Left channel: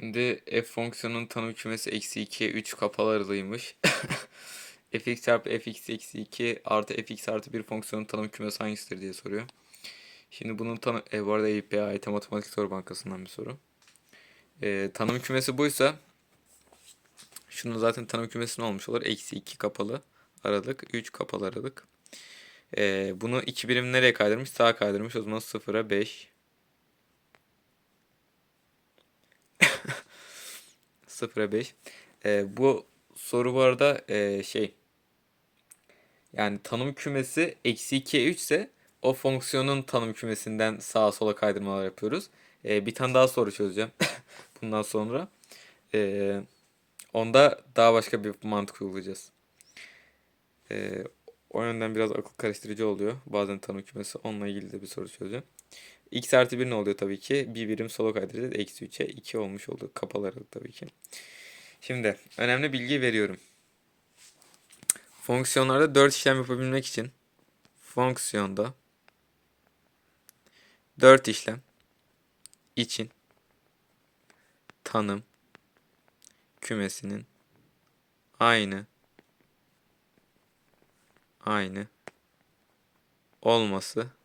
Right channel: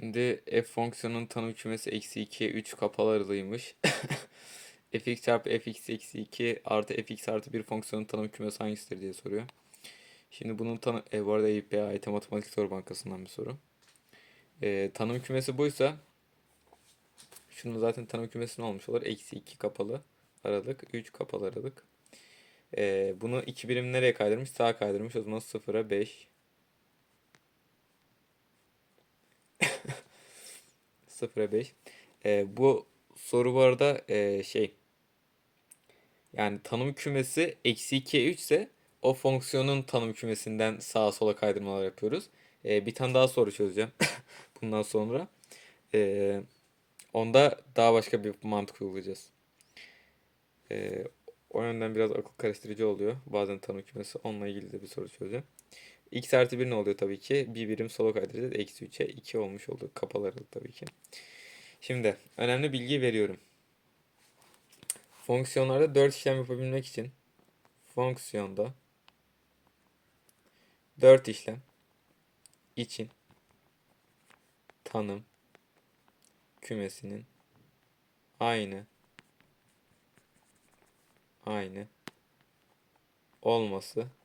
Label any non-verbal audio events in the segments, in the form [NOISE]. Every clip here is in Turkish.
Şimdi f fonksiyonunun tanım kümesi eksi 2'ye 3 kapalı aralığıymış. [LAUGHS] fx çarpı fx eksi 2 artı fx artı 1 fonksiyonun tanım kümesi hangisidir diye soruyor. Şimdi bunun tanım... E, bu arada EYP'ye ait matematik soru bankasından bir soru. E, tanım kümesi buysa şunun zaten tanım kümesi ne olmuş olur? Eksi 2 kapalı aralık, 3 kapalı aralık. E, bunu 2 birim nereye kaydırmış? Sağa kaydırmış. O zaman 0'a 5, 0'a 5. Ee, bu soru bu arada ee, şey yani tanım kümesi eksi 2'ye 3 ise o fonksiyonun tanım kümesinden sağa sola kaydırmalar yapıyoruz. Ee, bir tane daha soru çözeceğim [LAUGHS] bundan sonra. Ee, onda daha başka bir mantık uygulayacağız. Ee, o yönden biraz akıl karıştırıcı oluyor. Bazen tanım kümesi onunla ilgili de bir soru çözeceğim. X artı 1 ne oluyor tabii ki? Bir birim sola kaydıracağız. Eksi 3'e 2 olmuş oldu. Kapalı aralık tabii ki. Şimdi önemli bilgi veriyorum. Fonksiyonlarda 4 işlem yapabilmek için fonksiyonda 4 işlem için tanım kümesinin aynı aynı olması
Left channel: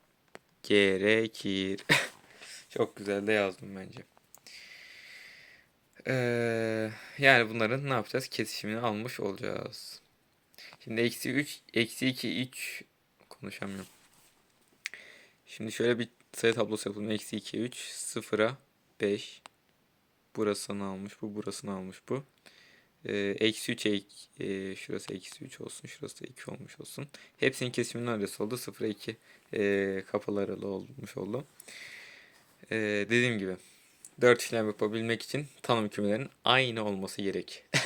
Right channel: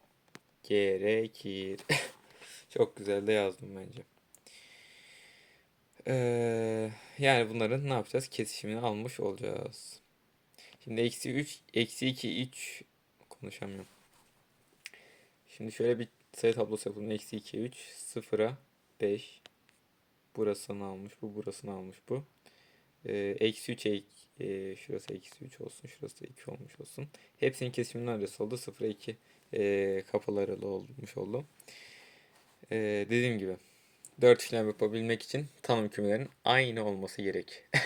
gerekir. [LAUGHS] Çok güzel de yazdım bence. Ee, yani bunların ne yapacağız? Kesişimini almış olacağız. Şimdi eksi 3, eksi 2, 3 konuşamıyorum. Şimdi şöyle bir sayı tablosu yapalım. Eksi 2, 3, 0'a 5. Burasını almış bu, burasını almış bu. Ee, eksi 3, ek, e, şurası eksi 3 olsun, şurası da 2 olmuş olsun. Hepsinin kesiminin adresi oldu. 0'a 2 e, kapalı aralığı olmuş oldu. Ee, dediğim gibi 4 işlem yapabilmek için tanım kümelerinin aynı olması gerek. [LAUGHS]